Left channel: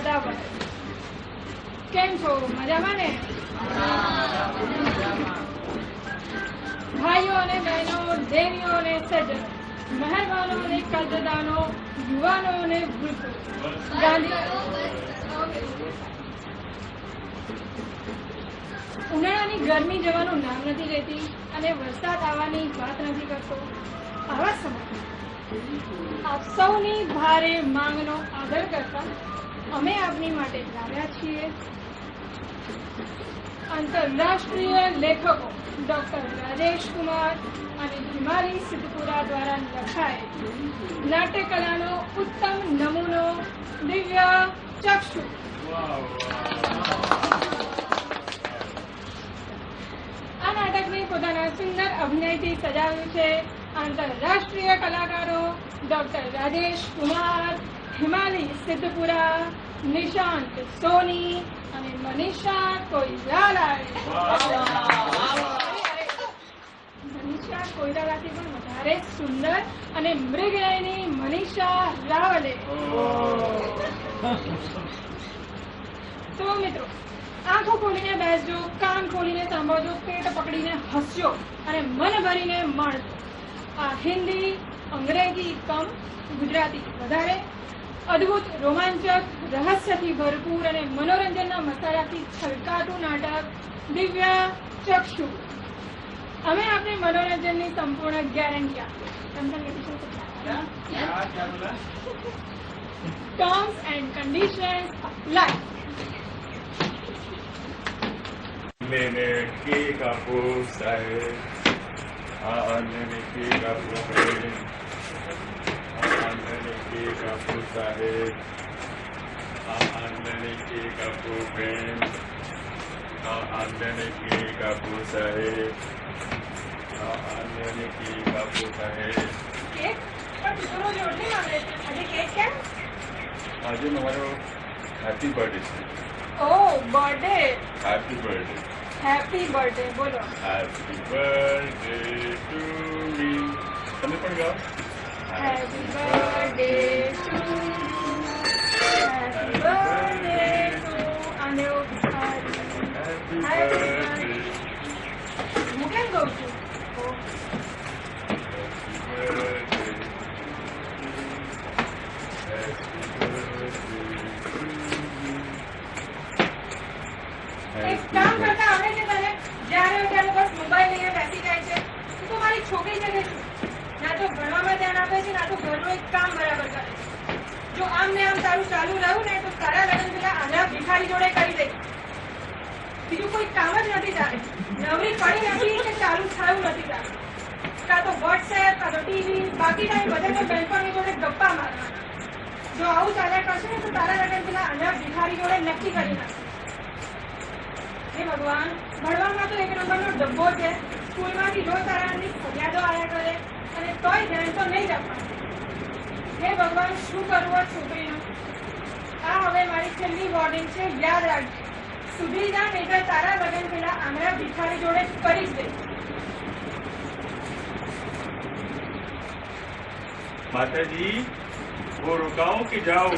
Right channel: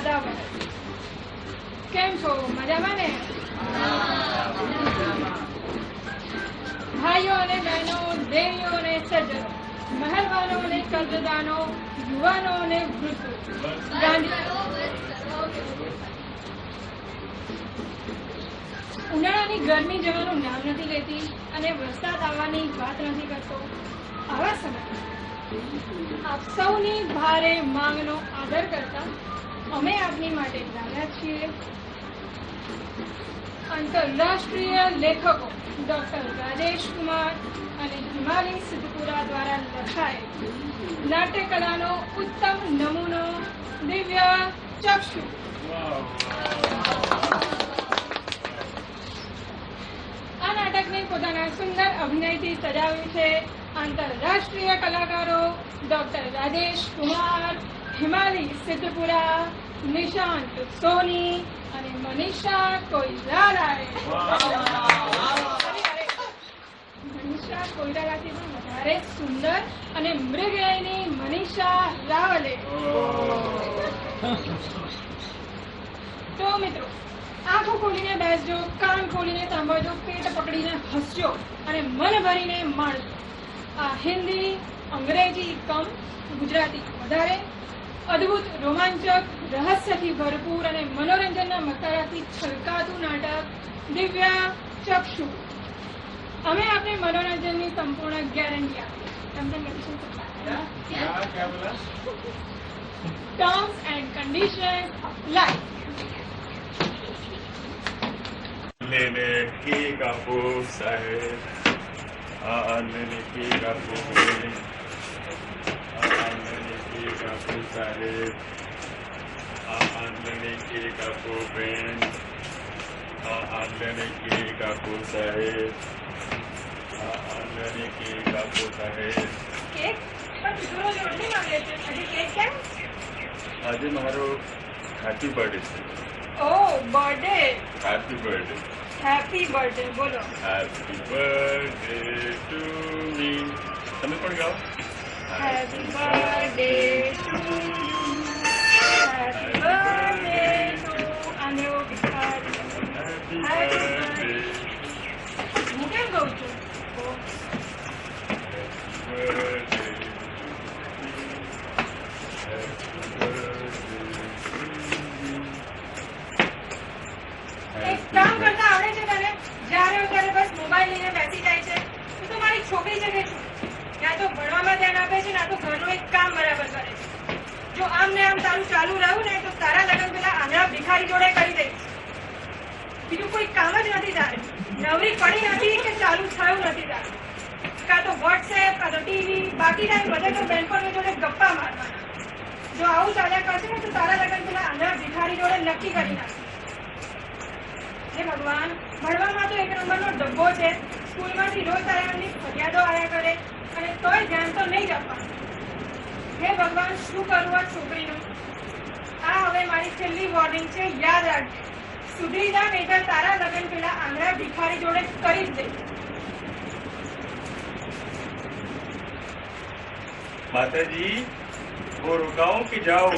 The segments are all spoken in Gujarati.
દાદાભાઈ. કેમ છો? મજામાં ને? ભાઈઓ અને બહેનો, દેવીઓ અને સજ્જનો, મહેરબાનો અને કદદાનો, યુવાનો અને વૃદ્ધો, ઉનાળાની ગરમી જવાનું નામ નથી લેતી અને વરસાદ આવવાની વાત નથી કરતો. આવા સમય આપ સૌની ભારે માંગનો આદર કરતા અમે આપની માટે લાવ્યા છીએ આંતરરાષ્ટ્રીય લેખકો ડોક્ટર રાજેશ કુમાર અને હિમાલી સિદ્ધપુરા દ્વારા લખાયેલ નાટ્યકલાનો ઉત્તમ નમૂનો દિવ્ય ચક્ષુ. આ નાટકને પોતાના સુંદર અભિનયથી સજાવ્યું છે આંતરરાષ્ટ્રીય કલાકારો ડોક્ટર રાજેશ કુમાર, હિમાલી સિદ્ધપુરા, નિશાંત સોની અને મનીષા કોઈરાલાએ. મનીષા કોઈરાલાથી પણ વધારે સુંદર અને મૃગયની મનીષા રાવલે. તો મિત્રો, આંખો ખોલીને બેસજો, કાન ખોલીને સાંભળજો, પેટ પકડીને હસજો અને મન ભરીને માણજો. આ હિન્દી, અંગ્રેજી કમ ગુજરાતી વધારે અદ્ભુત, રોમાંચક, રહસ્યથી ભરપૂર અને મનોરંજનના મસાલાથી છલકાતું નાટક દિવ્ય ચક્ષુ. અમે આપને મનોરંજનની સંપૂર્ણ ગેરંટી આપીએ. Terms and conditions apply. मैंने की कापूर साहेब मैंने की कापूर मैंने की कापूर साहेब मैंने की कापूर बहन मैंने की कापूर साहेब मैंने की कापूर साहेब. આજે મારો હેપી બર્થડે છે. Oh, birthday. Happy birthday. Happy birthday. બોલો. Happy birthday to me. તમે પણ ગાઓ. Happy birthday to happy birthday to અન્યો બિહારી. Happy birthday. હું કેમ ગાઉં છું? એક કામ કરતા આવડે છે તને? જ્યારે ત્યારે બસ મોબાઈલ લઈને બેસી જાય છે. તું તો મારી છોકરી જગે છે. ના તો ભણવામાં ધ્યાન આપે છે, ના તો ઘરનું એક કામ બરાબર કરે છે. જો આમ ને આમ તારું ચાલુ રહ્યું ને તો તારા લગ્ન પેલા આંધળા ભિખારી જોડે કરી દઈશ. બીજું કોઈ કામ જ નથી તારે. નવરી પડી નથી કે ચાલુ થયું નથી તારે. કાં તો વોટ્સએપ, કાં તો ટીવી, બાકી ટાઈમ બધે તો બેનપણી જોડે ગપ્પા મારવાના. જો આવું ચાલ્યા કરશે ને તો તારા લગ્ન પેલા આંધળા ભિખારી જોડે નક્કી કરી નાખે. હે ભગવાન, ભણવામાં તો એક નંબરનો ડબ્બો છે. સ્કૂલમાંથી રોજ તારાની ફરિયાદો આવ્યા કરે અને તોય ધ્યાન તો નહીં જ આપવાનું. હે ભગવાન, શું કરવું આ છોકરીનું? આ હવે મારી છેલ્લી વોર્નિંગ છે, યાદ રાખજે. સુધરી જા, નહીંતર તારા લગ્ન પેલા આંધળા ભિખારી જોડે કરી જ દે. माताजी वो रुकाओ कि जाओ.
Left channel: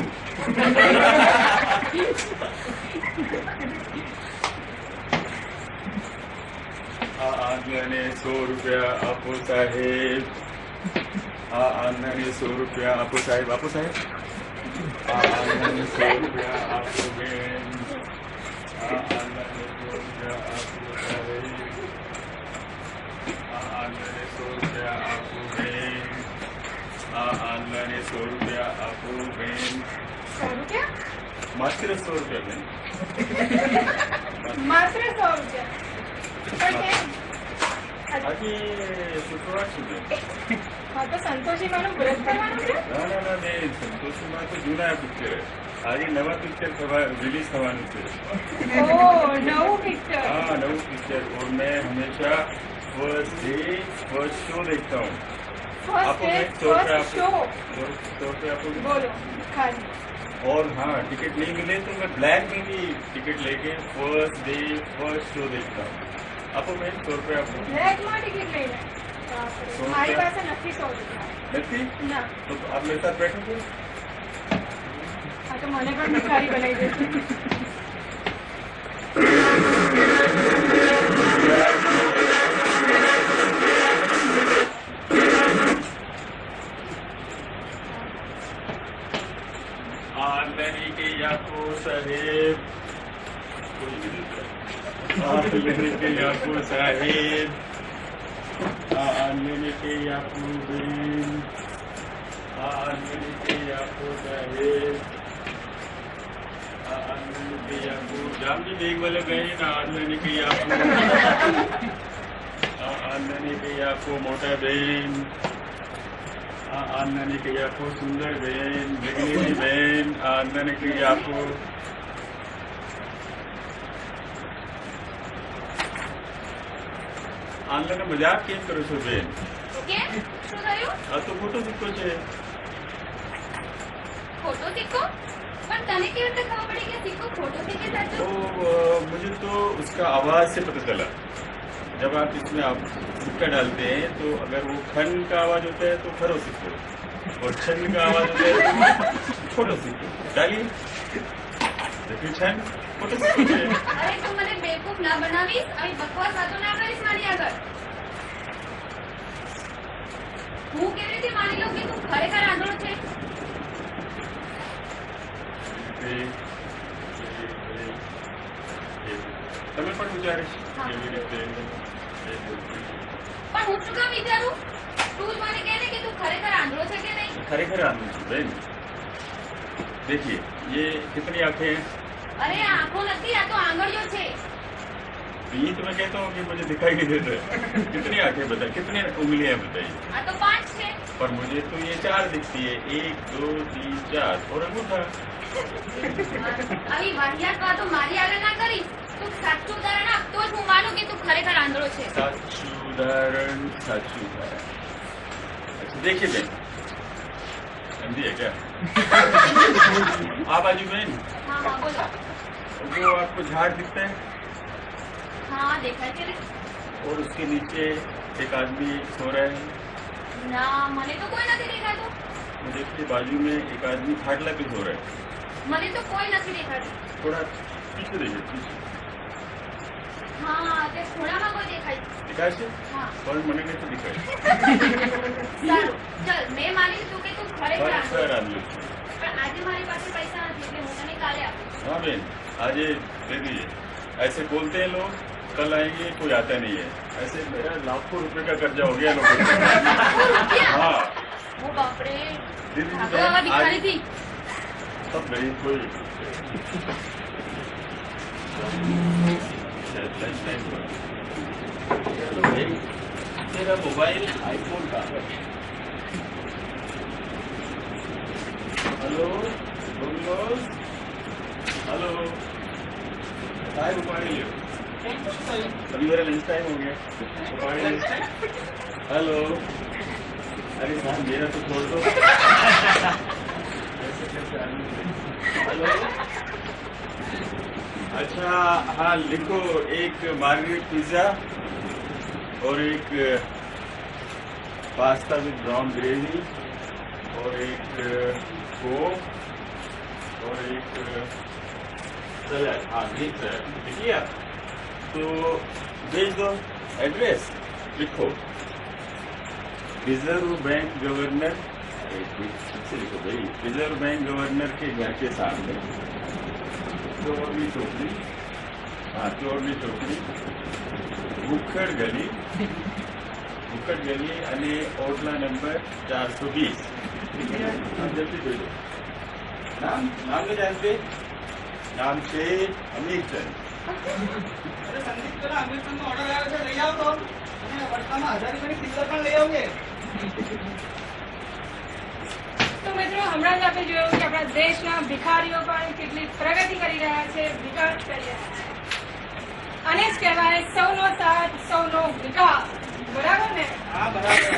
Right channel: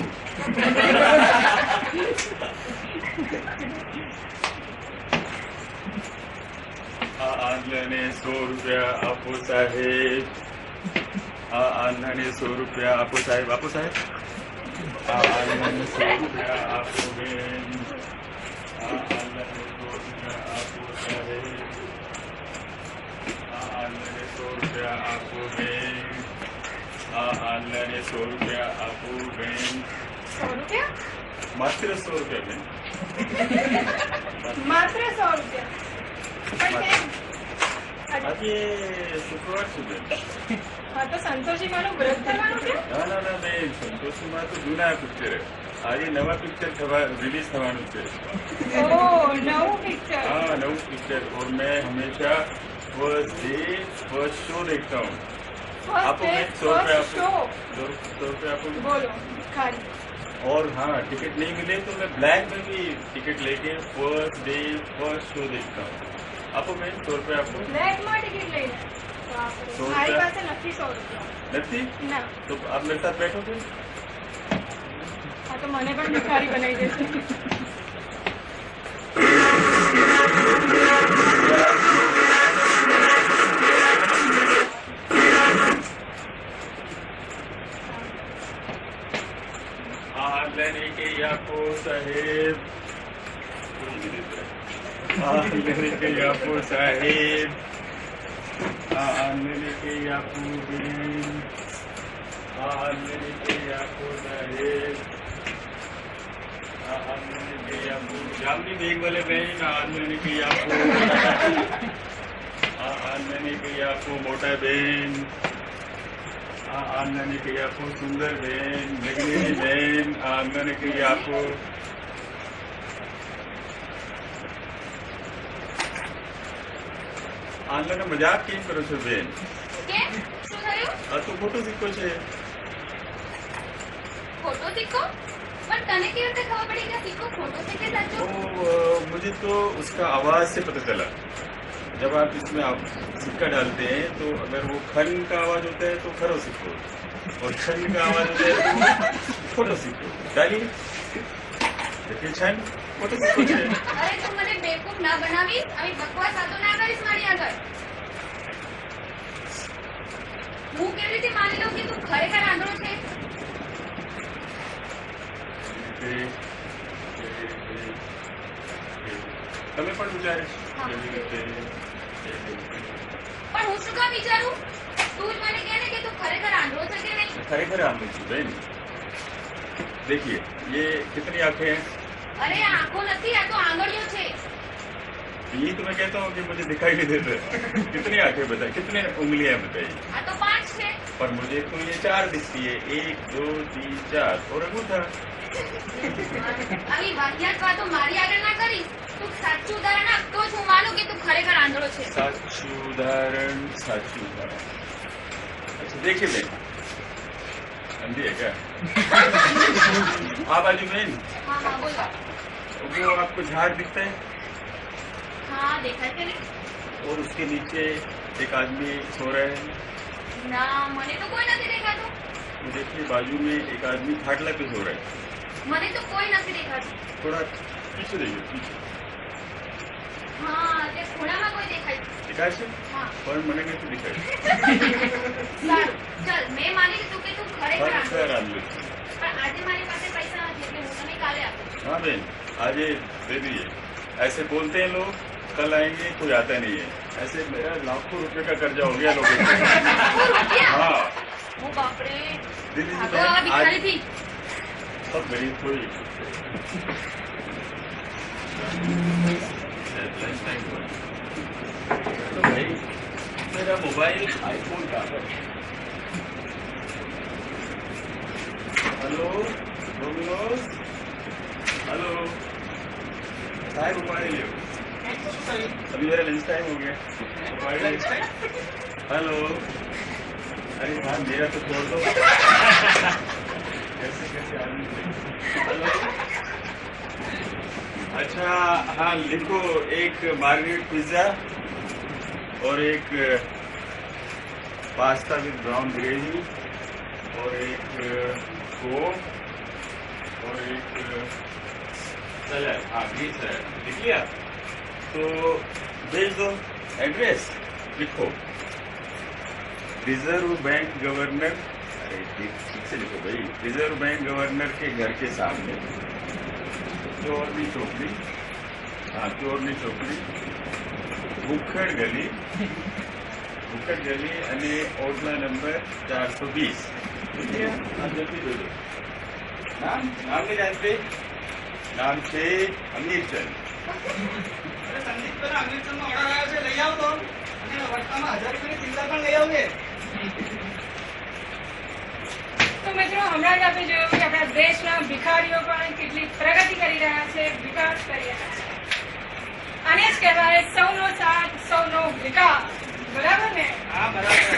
आंधने 100 रुपया आपो साहेब. आंधने 100 रुपया आपो साहेब. आपो साहेब. आंधने 100 रुपया आपो बेन. आंधने 100 रुपया आपो साहेब. आंधने 100 रुपया आपो बेन. आंधने 100 रुपया आपो बेन. 100 રૂપિયા? मात्र 100 रुपया बेन. માત્ર 100 રૂપિયા? પણ કેમ? આજે શુક્રવાર છે બેન. હા, તો સંતોષીમાનું વ્રત કરવાનું છે? ના ના ના બેન, સંતોષીમાં તો જૂના પિક્ચર. આજે નવા પિક્ચર રિલીઝ થવાનું છે. ઓહ, નવું પિક્ચર. हाँ नव पिक्चर. और मैं हमेशा फर्स्ट डे फर्स्ट शो देखता हूँ. आपको मैं 100 रुपये आपको 100 रुपये आपको બોલો ખાલી. और हाँ टिकट नहीं मिले तो मैं ब्लैक में भी टिकट लेके फर्स्ट डे फर्स्ट शो देखता हूँ. आपको मैं 100 रुपये आपको બ્લેકમાં ટિકિટ લઈને? બાપરે, 100 મારી રૂપિયા? પાસે નથી 100 રૂપિયા. नहीं ના. तो आप मेरे साथ बैठोगे. હા, તો મને પણ ભિખારી બનાવી દેશે. लेने के आपको साहेब लेने के आपको साहेब लेने के आपको बेन लेने के आपको साहेब लेने के आपको जामनी बेग वाले बहन लेने के आपको लेने के आपको मोटा बहन आनने के आपको सुंदर बहन जगनी बहन आनने के आपको આનલાને મજાક કેમ કરો છો બેન? કેમ? શું થયું? આ તો ખોટો સિક્કો છે. ખોટો સિક્કો? પણ તને કેવી રીતે ખબર પડી કે સિક્કો ખોટો છે કે સાચો? मुझे तो उसका आवाज से पता चला. जब आप इसमें आप सिक्का डालते हैं तो अगर वो खन का आवाज होता है तो खरो सिक्को और छन का आवाज होता है तो छोटो सिक्को. डालिए देखिए छन छोटो सिक्को है. અરે તું મને બેવકૂફ ના બનાવીશ. આવી બકવાસ વાતો ના કરીશ મારી આગળ. હું કેવી રીતે માની લઉં કે તું ખરેખર આંધળો છે? તમે પણ વિચારીશ કેવી રીતે પણ હું શું કામ વિચારું? તું જ મને કહે ને કે તું ખરેખર આંધળો છે કે નહીં? खरेखर आनंद છું બેન. देखिए ये कितनी आंखें हैं? અરે આ આંખો નથી, આ તો આંગળીઓ છે. यही तो मैं कहता हूँ कि मुझे दिखाई नहीं देता. कितनी आंखें बताइए, कितने उंगलियां बताइए. આ તો 5 છે. पर मुझे तो ये 4 दिखती है. 1 2 3 4 और अंगूठा. આવી વાહિયાત વાતો મારી આગળ ના કરીશ. તું સાચું ઉદાહરણ આપ તો જ હું માનું કે તું ખરેખર આંધળો છે. साचू उदाहरण साचू उदाहरण. अच्छा देखिए बेन, समझी है क्या? आप बाजू में હા હા બોલો. वो आपको झाड़ दिखता है હા દેખાય છે ને? और उसके नीचे एक आदमी सो रहा है. ના મને તો કોઈ નથી દેખાતું. वो देखिए बाजू में एक आदमी खाटला पे सो रहा है. મને તો કોઈ નથી દેખાતું. थोड़ा पीछे देखिए पीछे. હા તે ખોળામાં કોઈ દેખાય છે. दिखाए से હા पर मने कैसे दिखाए સારું ચલ મેં માની લીધું કે તું ખરેખર पर આંધળો सर છે. आलू. પણ આજે મારી પાસે પૈસા નથી એટલે હું તને કાલે આપીશ. हाँ बेन आज ये दे दीजिए. ऐसे बोलते हैं लोग कल आएंगे कोई आता नहीं है. ऐसे मेरा लाखों रुपए का कर्जा हो गया लोगों को. લાખો રૂપિયા? हाँ ઓ બાપરે. दे दीजिए ભાગો હવે बहन, आज ભિખારીથી. सब गरीब कोई लंच टाइम हुआ. चलो भाई मेरा मोबाइल आईफोन का है. Hello Domino's. हेलो टाइम उपाड़ी लियो. अभी मेरा लंच टाइम हो गया. उपाड़ी लियो. हेलो अरे हाँ मेरा तो छोड़ दो. कैसे कैसे आदमी थे. हेलो अच्छा हाँ लिखो एक मार्गरेट पिज्जा और एक पास्ता विद ब्राउन ग्रेवी और एक कोक और एक सलाद. हाँ ग्रीन सलाद लिख लिया तो भेज दो. एड्रेस लिखो रिजर्व बैंक गवर्नर. अरे ठीक से लिखो भाई. रिजर्व बैंक गवर्नर के घर के सामने चोरनी चौकड़ी. हाँ चोरनी चौकड़ी भूखड़ गली અને ઓટલા નંબર 420. हाँ जल्दी भेजो. नाम नाम नहीं जानते? नाम से अमीरचंद. અરે સંદીપ પેલા અમીરચંદનો ઓર્ડર આવ્યો છે લઈ આવો તો અને વટકામાં 1000 રૂપિયાની ચિલ્લર પણ લઈ આવજે. તો મિત્રો હમણાં જ આપણે જોયું કે આપણા દેશના ભિખારીઓ પણ કેટલી પ્રગતિ કરી રહ્યા છે, વિકાસ કરી રહ્યા છે. આને જ કહેવાય સૌનો સાથ સૌનો વિકાસ. બરાબર ને? હા બરાબર.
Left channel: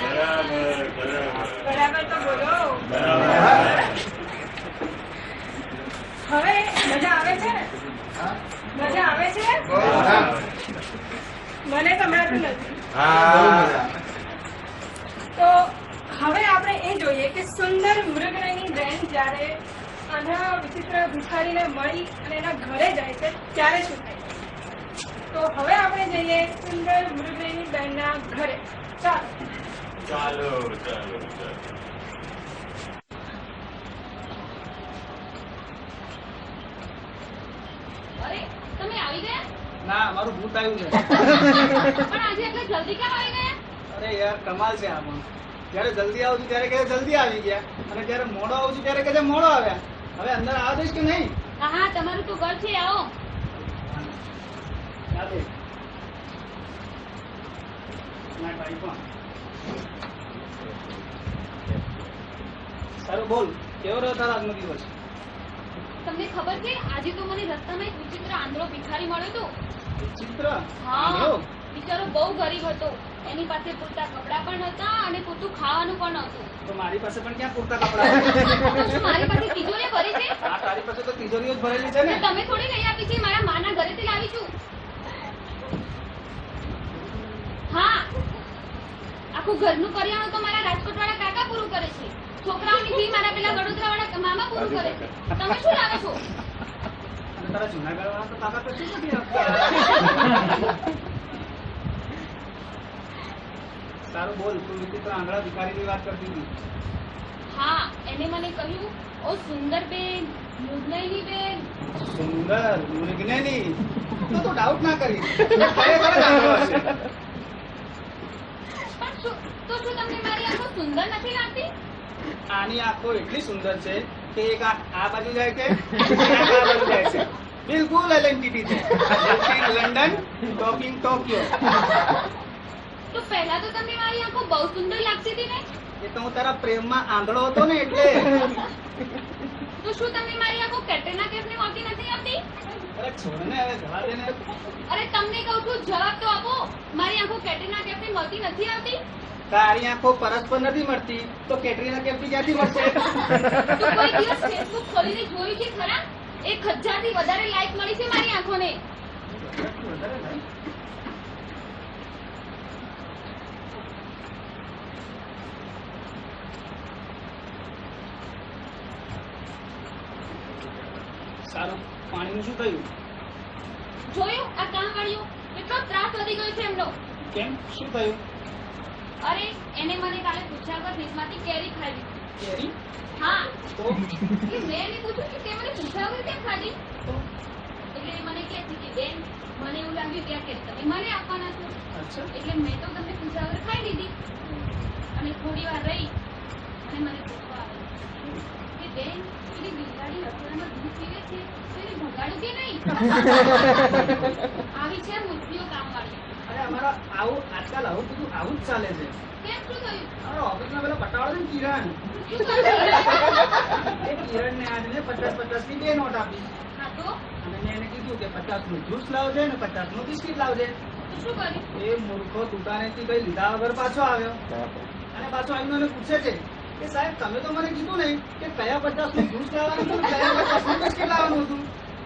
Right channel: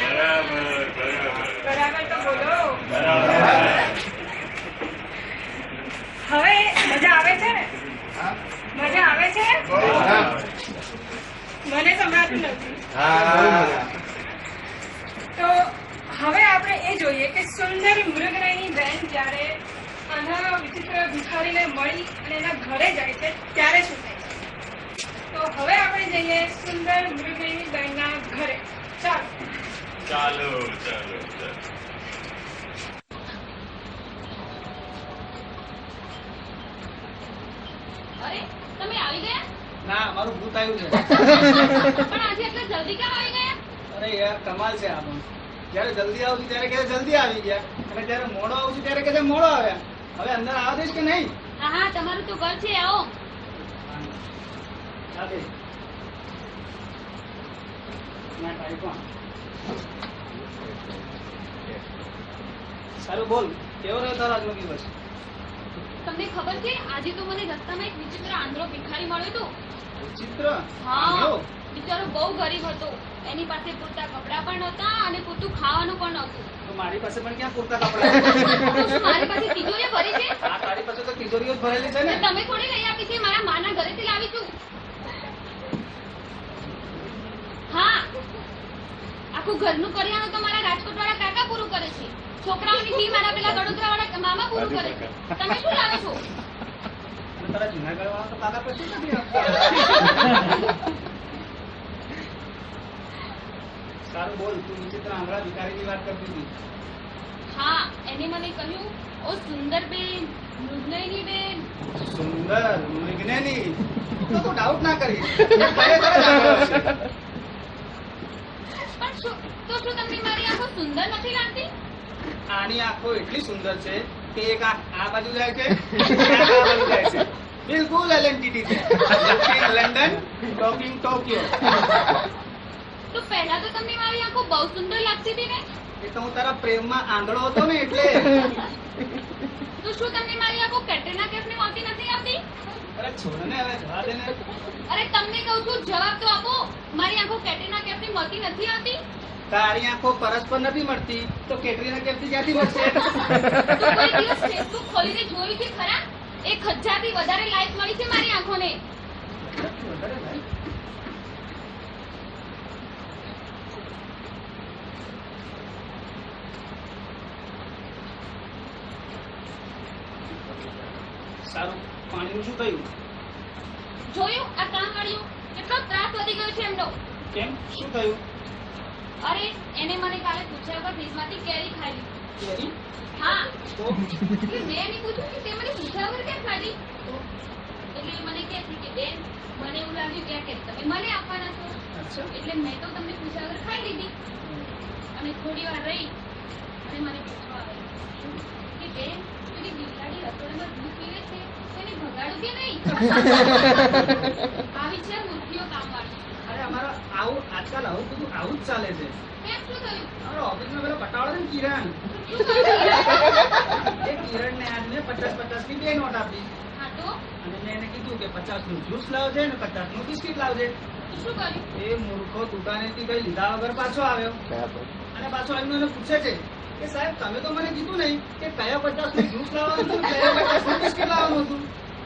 બરાબર બરાબર બરાબર તો બોલો. બરાબર. હવે મજા આવે છે? હા મજા આવે છે? મને સંભળાતું નથી. બહુ મજા. તો હવે આપણે એ જોઈએ કે સુંદર મૃગનયની બહેન જ્યારે આંધળા વિચિત્ર ભિખારીને મળી અને એના ઘરે જાય છે ત્યારે શું થાય છે? તો હવે આપણે જઈએ સુંદર મૃગનયની બહેનના ઘરે. ચાલો. ચાલો ચાલો ચાલો. અરે તમે આવી ગયા? ના મારું ભૂત આવ્યું છે. પણ આજે એટલે જલ્દી કેમ આવી ગયા? અરે યાર કમાલ છે આ પણ. જયારે જલ્દી આવું છું ત્યારે કહે જલ્દી આવી ગયા અને જયારે મોડો આવું છું ત્યારે કહે મોડો આવ્યા. હવે અંદર આવવા દઈશ કે નહીં? હા હા, તમારું તો ઘર છે, આવો. ના દે. ના તારી પણ. સારું બોલ, કેવો રહ્યો તારો આજનો દિવસ? તમને ખબર છે આજે તો મને રસ્તામાં એક વિચિત્ર આંધળો ભિખારી મળ્યો હતો. વિચિત્ર? હા, આંધળો? બિચારો બહુ ગરીબ હતો. એની પાસે પૂરતા કપડાં પણ નહોતા અને પૂરતું ખાવાનું પણ નહોતું. તો મારી પાસે પણ ક્યાં પૂરતા કપડાં છે? તો શું મારી પાસે તિજોરી ભરી છે? આ તારી પાસે તો તિજોરીઓ જ ભરેલી છે ને. તો તમે થોડી લઈ આપી છે, મારા માના ઘરેથી લાવી છું. હા, આખું ઘરનું કરિયાણું તો મારા રાજકોટ વાળા કાકા પૂરું કરે છે. છોકરાઓની ફી મારા પેલા વડોદરા વાળા મામા પૂરું કરે છે. તમે શું લાવો છો? અને તારા જુનાગઢ વાળા તો કાકા કશું જ નથી આપતા. સારું બોલ, તું વિચિત્ર આંધળા ભિખારીની વાત કરતી હતી. હા, એને મને કહ્યું, ઓ સુંદર બેન, મૃગનયની બેન. સુંદર મૃગનયની. તો ડાઉટ ના કરીશ. ખરેખર જ આંધળો છે. પણ શું તમને મારી આંખો સુંદર નથી લાગતી? આની આંખો એટલી સુંદર છે કે એક આંખ આ બાજુ જાય છે, એક આંખ આ બાજુ જાય છે. બિલકુલ LNTT છે. London talking Tokyo. તો પહેલા તો તમને મારી આંખો બહુ સુંદર લાગતી હતી ને? એ તો હું તારા પ્રેમમાં આંધળો હતો ને એટલે. તો શું તમને મારી આંખો કેટરીના કૈફની હોતી નથી આવતી? અરે છોડ ને, હવે જવા દે ને. અરે તમને કહું છું, જવાબ તો આપો. મારી આંખો કેટરીના કૈફની મળતી નથી આવતી? તારી આંખો પરસ્પર નથી મળતી તો કેટરીના કૈફની ક્યાંથી મળશે? તો કોઈ દિવસ ફેસબુક ખોલીને જોયું છે ખરા? 1000 થી વધારે લાઈક મળી છે મારી આંખોને. સારું, પાણીનું શું થયું? જોયું આ કામ વાળ્યું કેટલો ત્રાસ વધી ગયો છે એમનો. કેમ, શું થયું? અરે એને મને કાલે પૂછ્યા વગર ફ્રીજમાંથી કેરી ખાઈ લીધી. કેરી? હા, તો એટલે મેં એને પૂછ્યું કે તે મને પૂછ્યા વગર કેમ ખાધી? એટલે એ મને કહે છે કે બેન, મને એવું લાગ્યું કે આ કેરી તમે મને આપવાના છો, અચ્છા. એટલે મેં તો તમને પૂછ્યા વગર ખાઈ લીધી. અને થોડી વાર રહી અને મને પૂછવા આવે કે બેન, પેલી બિલાડી રસોઈમાં દૂધ પીવે છે તો એને ભગાડું કે નહીં? આવી છે મૂર્તિઓ કામવાળી. અરે અમારા આવું આજકાલ આવું બધું આવું જ ચાલે છે. કેમ, શું થયું? અમારા ઓફિસમાં પેલો પટાવાળો છે ને કિરણ, શું થયું? એ કિરણને આજ મેં 50-50 ની 2 નોટ આપી હા તો અને મેં એને કીધું કે 50 નું જ્યુસ લાવજે ને 50 નું બિસ્કિટ લાવજે. શું કર્યું? એ મૂર્ખો દુકાનેથી કઈ લીધા વગર પાછો આવ્યો અને પાછો આવીને મને પૂછે છે કે સાહેબ તમે તો મને કીધું નહીં કે કયા 50 નું જ્યુસ લાવવાનું હતું ને કયા 50 નું બિસ્કિટ લાવવાનું હતું.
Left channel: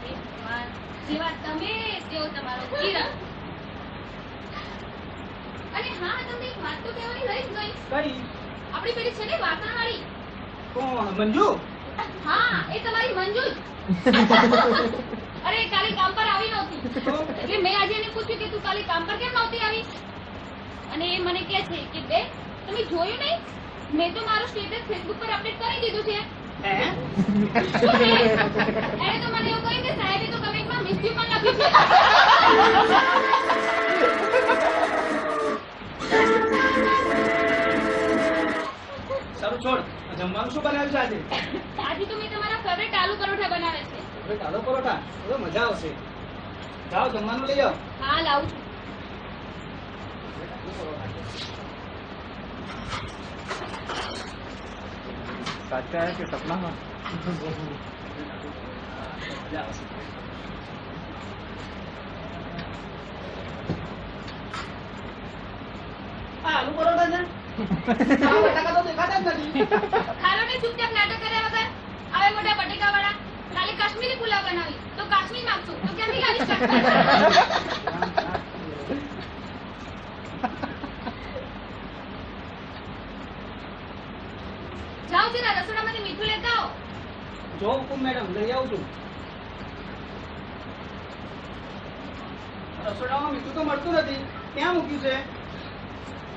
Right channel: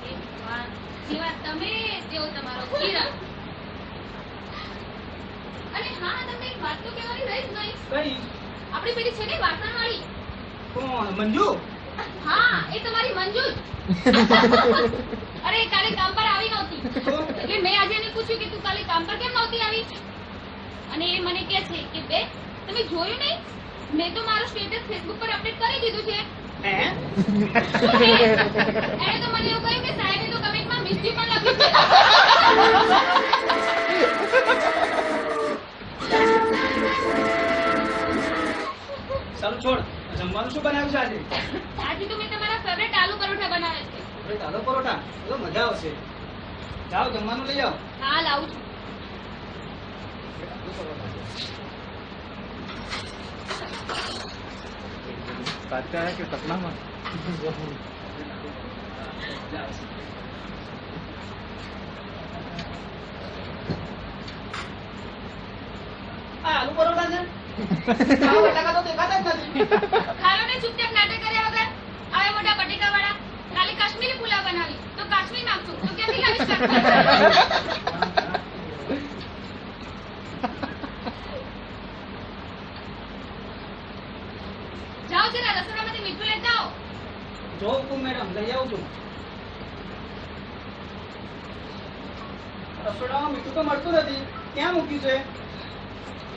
એ ભગવાન, જેવા તમે તેવો તમારો કિરણ. અને હા, તમને એક વાત તો કહેવાની રહી જ ગઈ. કઈ? આપણી પેલી છે ને વાસણવાળી. કોણ? મંજુ? હા, એ તમારી મંજુ જ. અરે કાલે કામ પર આવી નહોતી તો એટલે મેં આજે એને પૂછ્યું કે તું કાલે કામ પર કેમ નહોતી આવી? અને એ મને કહે છે કે બે તમે જોયું નહીં, મેં તો મારું સ્ટેટસ ફેસબુક પર અપડેટ કરી દીધું છે. હે? શું છે? એણે તો મને એવું કહ્યું કે સાહેબે તો કમેન્ટમાં મિસ યુ પણ લખ્યું છે. સારું છોડ, જમવાનું શું બનાવ્યું છે આજે? આજે તો મેં તમારા ફેવરેટ આલુ પરોઠા બનાવે છે. હવે ચાલો પરોઠા, તો મજા આવશે. જાઓ જમવાનું લઈ આવો. હા, લાવું છું. સાચા હે કે સપનામાં? મજા આવશે. આ આલુ પરોઠા છે? આ બટાકા તો દેખાતા જ નથી. ખાલો ને ચૂપચાપ નાટક કર્યા વગર. આવે મોટા બટેકા વાળા. કાલે કાશ્મીરી પુલાવ બનાવી તો કાશ્મીર માંગશું તો ક્યાંથી લાવીશ કાશ્મીર? જાઓ જરા રસોડામાંથી મીઠું લેતા આવો. જો હુકુમ મેડમ, લઈ આવું છું. રસોડામાં મીઠું તો મળતું નથી, ક્યાં મૂક્યું છે?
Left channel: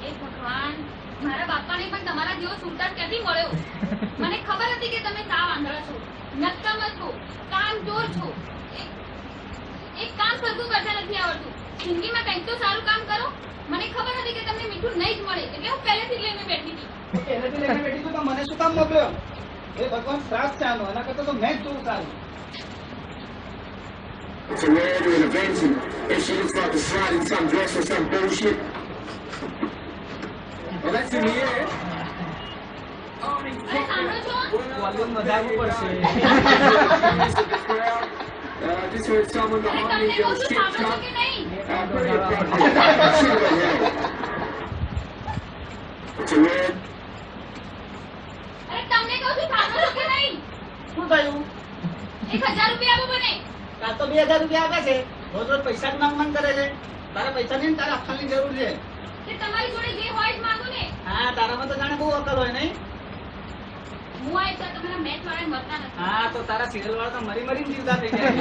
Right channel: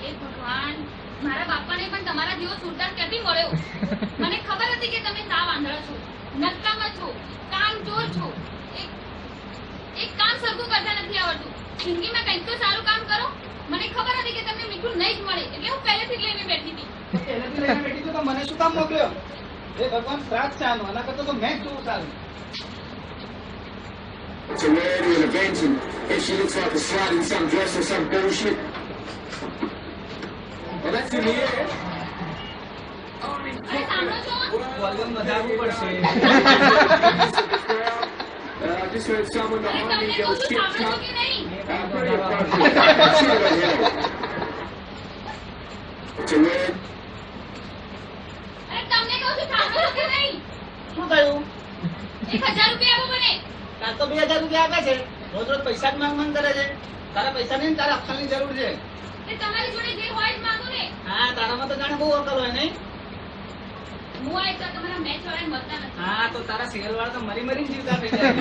એ ભગવાન, મારા બાપાને પણ તમારા જેવો સુરદાર ક્યાંથી મળ્યો? મને ખબર હતી કે તમે સાવ આંધળા છો, નકામા છો, કામચોર છો. એક કામ સરખું કરતા નથી આવડતું. જિંદગીમાં કંઈક તો સારું કામ કરો. મને ખબર હતી કે તમને મીઠું નહીં જ મળે, એટલે હું પહેલેથી જ લઈને બેઠી હતી. પહેલેથી લઈને બેઠી છું તો મને શું કામ મોકલ્યો? એ ભગવાન શ્રાપ છે આનો, એના કરતા તો મેં જ જોવું સારું. It's a rarity and event, and she looks like a slide in some dress or some bullshit. Oh, that's in the air. અરે સાંભળો છો? વોલ્યુમ વધારવું પડશે. I just heard someone અરે behind તમને me કહું go છું, shit સાંભળો છો talk. કે નહીં? Pretty appropriate. Shoot her hell. It's a rare. અરે તમને કહું છું, સાંભળો છો કે નહીં? શું થયું? 1000 રૂપિયા આપો મને. કાં તો 2000 રૂપિયા આપે છે, રોજ રોજ પૈસા જ માંગ માંગ કરે છે. તારા પૈસા નહીં, તારા અક્કલની જરૂર છે. કે તમારી જોડે જે હોય જ માંગો ને. હા, તારામાં તો જાણે બહુ અક્કલ હોય નહીં? હું આ તો તમારા મેચ વાળા મળતા નથી. હા, તો તારા સિરિયલ વાળા તો મરી મરીને જીવતા થઈ જાય.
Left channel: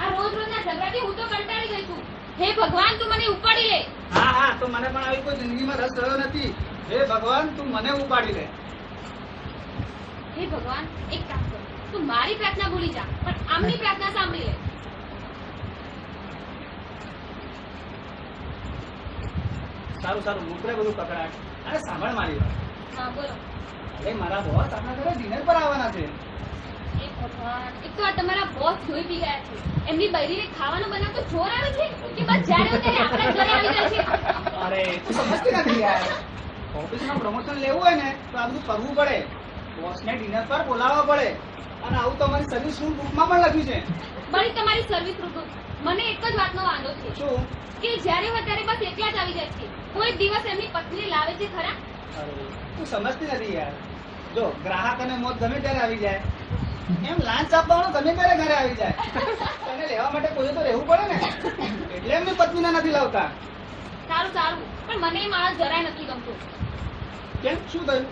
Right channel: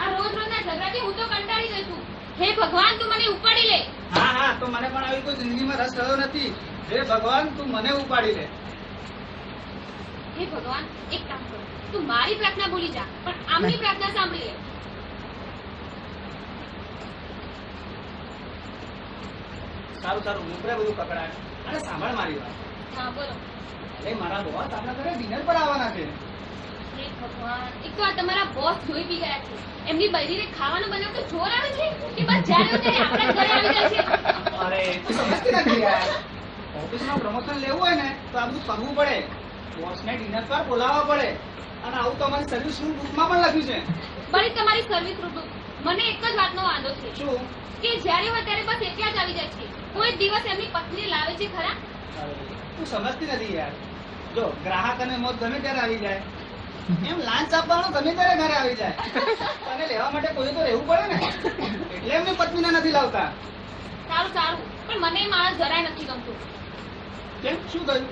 આ રોજ રોજના ઝઘડાથી હું તો કંટાળી ગઈ છું. હે ભગવાન, તું મને ઉપાડી લે. હા હા, તો મને પણ આવી કોઈ જિંદગીમાં રસ રહ્યો નથી. હે ભગવાન, તું મને ઉપાડી લે. હે ભગવાન, એક કામ કર, તું મારી પ્રાર્થના ભૂલી જા, પણ આમની પ્રાર્થના સાંભળી લે. સારું સારું, મૂકરે બધું કકડાટ. અરે સાંભળ મારી વાત. હા બોલો. અરે મારા બોસ આપણા ઘરે ડિનર પર આવવાના છે. હે ભગવાન, એક તો આ તમારા બોસ જોઈ બી ગયા છે. એમની બૈરીને ખાવાનું બનાવતો જોર આવે છે કે બસ જ્યારે હોય ત્યારે આપણા ઘરે આવી જાય છે. અરે તું સમજતી નથી યાર. ઓફિસમાં પ્રમોશન લેવું હોય ને તો આ બધું કરવું પડે. બોસને ડિનર પર બોલાવવા પડે. અને આવું તો અમારી સર્વિસ રૂમ બુકમાં પણ લખ્યું છે. બળી તમારી સર્વિસ ઋતુ. મને એક જ વાતનો વાંધો છે શું? કે જ્યારે હોય ત્યારે બસ એકલા જ આવી જાય છે. કોઈ દિવસ એમની પત્ની લાવે છે ખરા? અરે તું સમજતી નથી યાર. જો ગ્રાહક અને મોત ગમે ત્યારે આવી જાય, એમ લાંચ આપવાનો ગમે ત્યારે ઘરે આવી જાય. તને લેવા માટે કોઈ તો રહેવું પડે ને, એટલે એમની પત્નીને નથી લાવતા. સારું સારું, પણ મને એ માણસ જરાય નથી ગમતો. કેમ, શું થયું?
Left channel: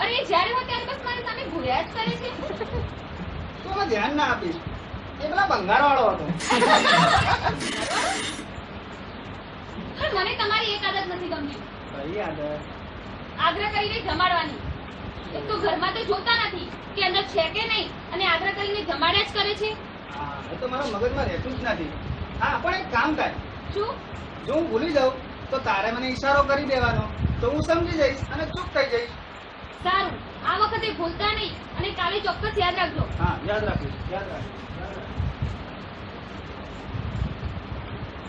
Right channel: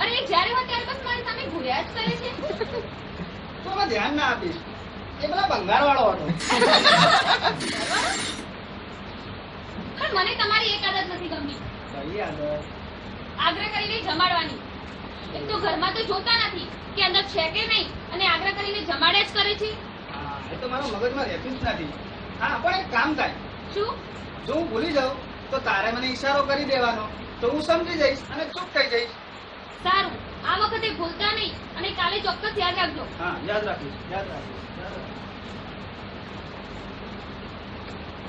અરે એ જ્યારે હોય ત્યારે બસ મારી સામે ઘોડ્યા જ કરે છે. તું અમે ધ્યાન ના આપીશ. એ પેલા ભંગાર વાળો હતો. પણ મને તમારી એક આદત નથી ગમતી. કઈ આદત? આગ્રહ કરીને જમાડવાની. એક તો ઘરમાં તો જોતા નથી કે અંદર છે કે નહીં, અને આગ્રહ કરીને જમાડ્યા જ કરે છે. હા, એ તો મારા મગજમાં રહેતું જ નથી. હા, પણ એક કામ થાય. શું? જો હું ભૂલી જાઉં તો તારે મને ઈશારો કરી દેવાનો, તો હું સમજી જઈશ અને ચૂપ થઈ જઈશ. સારું, આ વખતે ભૂલતા નહીં, અને કાલે ચોક્કસ યાદ રાખજો. હા, યાદ રાખીશ, યાદ રાખીશ.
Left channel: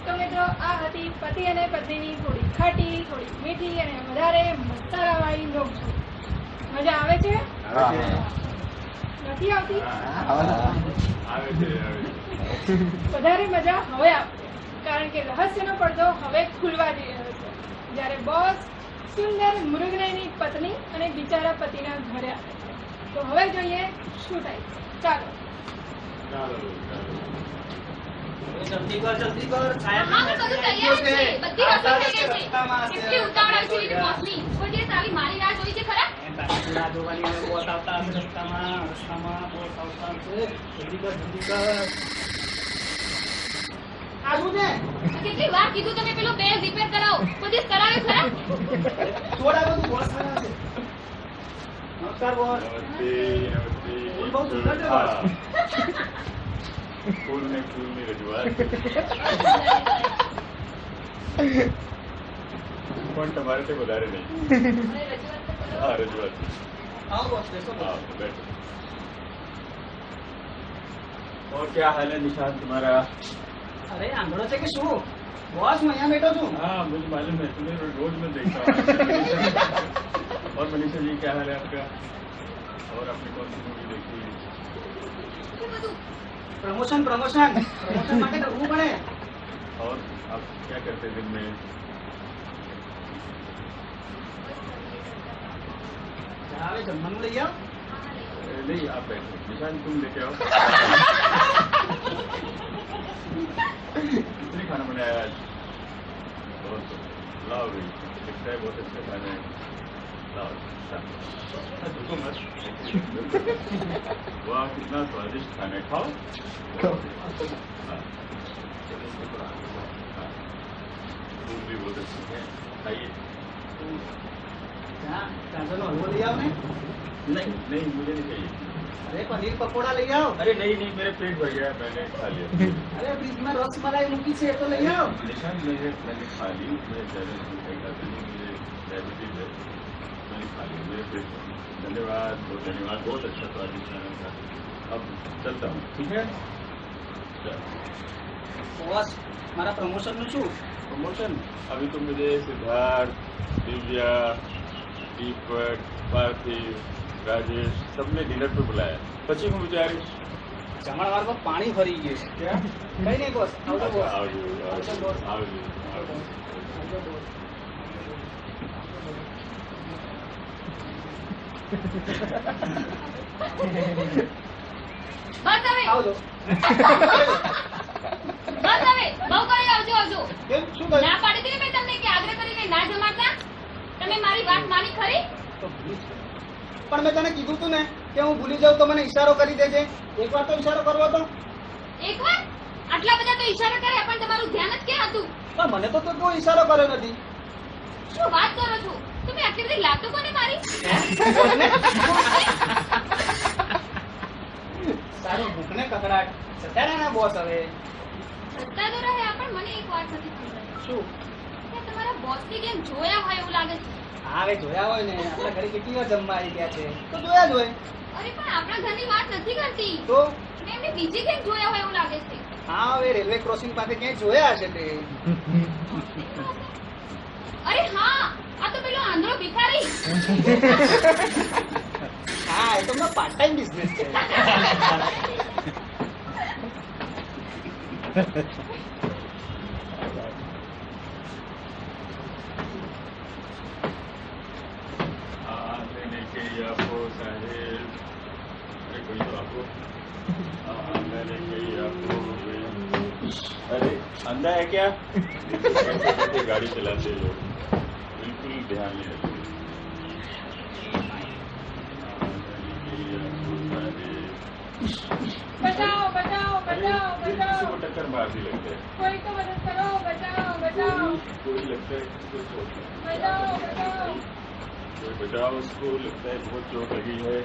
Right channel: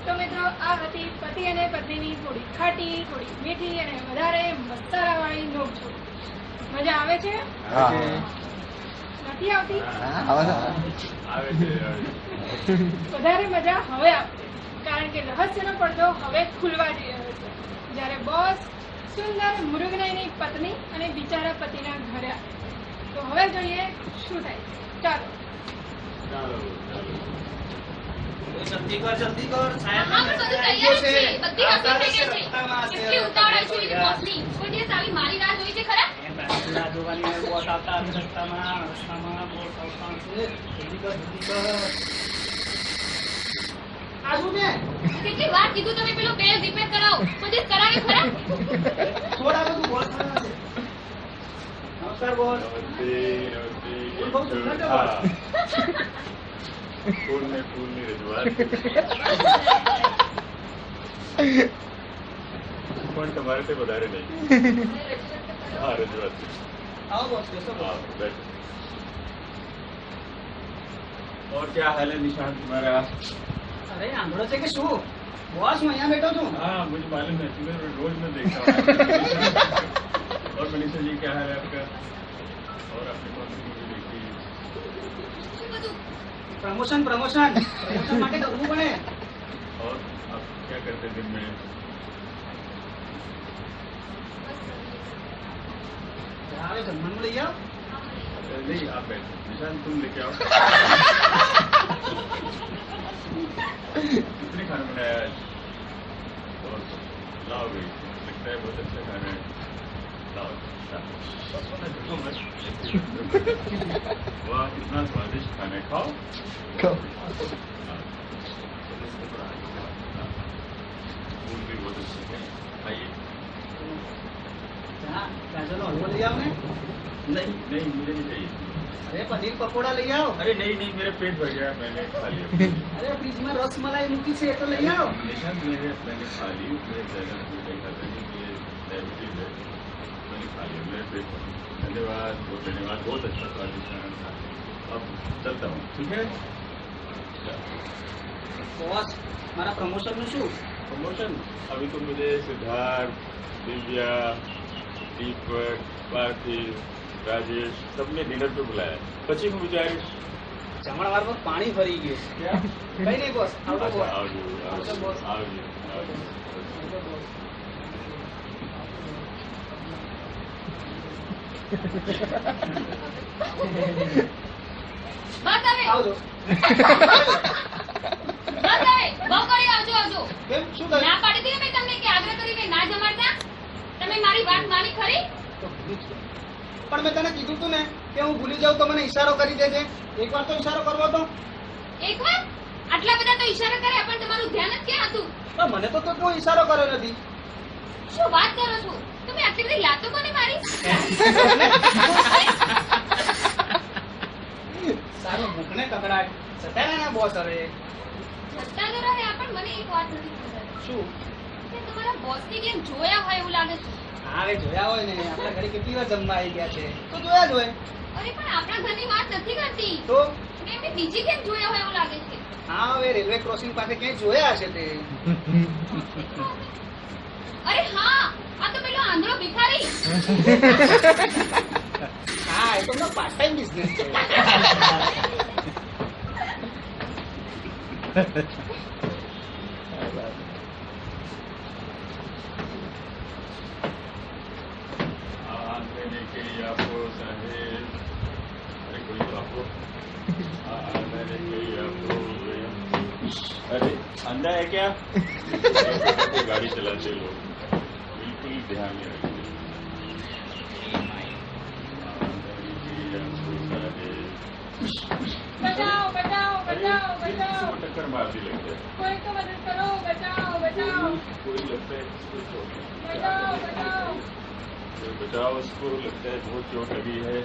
તો મિત્રો, આ હતી પતિ અને પત્નીની થોડી ખાટી, થોડી મીઠી અને વધારે મસાલાવાળી નોકઝોક. મજા આવે છે? નથી આવતી? આવે છે વધારે મજા હવે આવશે, કારણ કે રહસ્યનો પડદો હવે ખુલવા જઈ રહ્યો છે. જ્યારે બોસ સુંદર મૃગનયની પત્ની અને બિચારા પતિના ઘરે આવે. તો હવે જોઈએ શું થાય છે. ચાલો. ચાલો જલ્દી કર, જલ્દી કર. સાહેબ હા, પણ બધું તૈયાર જ છે. બધી વસ્તુ થઈ ગઈ છે. કેટલી ઉતાવળ હોય છે બીજું બોસની. કોઈ દિવસ આવી મારી રાહ જોઈ છે ખરા? રાહ જોવાની હોય, બોસ આવતા હશે રસ્તામાં બોસ આવતા હશે. જલ્દી કર, જલ્દી કર. આ શું છે? કેટલી વાર કીધું તમે પેલો બેલ રિપેર કરાવો. કોઈ દિવસ કરાવે ખરા? થોડા બધું બોસ બનાવે છે. નમસ્કાર બોસ. નમસ્તે ફૂલ બહુ સુંદર છે, હા ફૂલની રજૂઆત પણ તમારે તે વધારે નહીં. મને રજૂઆત તો કરો. હા રજૂઆત આવો બોસ, બેસો हाँ બોસ. बैठो और क्या हाल है निशांत तुम्हारा? અરે આંધળો છે કે શું? બોસ, હું અહીંયા બેઠો છું. हाँ मुझे मालूम है, तुम्हें रोज मैं देखता हूँ. और मनीषा जी क्या हाल है आपका? और आपने कौन सी मूवी देखी? શું બધું? પ્રમોશન પ્રમોશન પ્રમોશન માટે કરવું પડે. और आप क्या करते दिन में? હવે જમવાનું લઈ આવ. नहीं आप बैठो, निशांत तुम लेके आओ. कितने खाना बनाया आज? और लाओ भी, लगता है बहुत अच्छा खाना है. लाओ. देखो मत वाह कितना स्वादिष्ट खाना है खाओ हाँ, चलो इसमें थोड़ा आगे बढ़ो। हाँ, फूल भी बहुत अच्छे हैं खाइए ત્યાં ગાજરનો હલવો લઈ આવો ને. नहीं नहीं मुझे नहीं चाहिए અરે પનીર પકોડા લઈ આવો. अरे नहीं नहीं मेरा पेट भर गया मैंने खा लिया અરે ફ્રીજમાં રસમલાઈ મૂકી છે એ તો લઈ આવો. निशांत मैंने खा ली मेरे ज़्यादा फूल नहीं खाता नहीं मुझे डायबिटीज है मैंने खा लिया मेरे पेट भर गया। धन्यवाद बहुत अच्छा स्वादिष्ट खाना था अब चलता हूँ ठीक है બોસ મારા પ્રમોશનનું શું? प्रमोशन अभी तो मुझे सिद्धार्थ दिव्या दीपक पार्थिव राजेश सबने डिनर पे बुलाया પછી હું વિચારીશ જમણવારમાં પાણી ભરી ગયું છે. કઈ નહીં બોસ, આવજો બોસ. આવજો આવજો બોસ. આવજો આવજો બોસ. બસ હવે આવજો. બસ હવે બહુ કરી આવજો આવજો. કેમ શું થયું? ના પાડી હતી ને મેં તમને કે આગ્રહ કરીને ના જમાડતા. તમે મારી વાત માની ખરી? તો ભૂલી જ ગયો. પણ મેં તને કીધું તું ને કે હું ભૂલી જાઉં તો મને ઈશારો કરી દેજે. એકવાર તો ઈશારો કરવો તો. એકવાર આટલા બધા તો ઈશારા કર્યા પણ તમારું ધ્યાન જ ક્યાં હતું? પણ મને તો કોઈ ઈશારો કર્યો નથી. શું વાત કરો છો? તમે આટલી બધી લાતો કોને મારી? સારું ભૂખને કકડાટ. સત્યારે ના બોસ હવે. સત્તા તો રહે પણ મને એક વાત નથી સમજાતી શું? કે તમારા બોસને કેમ જોયા હોય એવું લાગે છે. હા હવે જોયા હોય ને, આપણા ઘરે કેટલી વાર જમવા આવી ગયા છે તો જોયા જ હોય. અરે પણ આપણા ઘરની વાત નથી કરતી. તો એમને બીજી કેમ જોયા હોય એવું લાગે છે. હા હવે રેલવે ક્રોસિંગ પાસે ક્યાંય જોયા હશે તે. અરે હા આ તો પેલો આંધળો ભિખારી. હા એ તો પાર્ટ ટાઈમ બિઝનેસ છે. आम लेने के लिए आपको साहेब अरे कोई तो आपको आम लेने के लिए आपको अरे अंधा है क्या कैसे कैसे गाड़ी चलाते लोग बिल्कुल ध्यान नहीं रखते आम लेने के लिए आपको साहेब बचाओ बचाओ अरे बचाओ ये किसी बचाओ को टक्कर मार दी लगता है कोई तो मदद करो बचाओ बचाओ कोई लगता है किसी को चोट लगी है। बचाओ बचाओ कोई बचाओ उसको लगता है बहुत चोट लगी है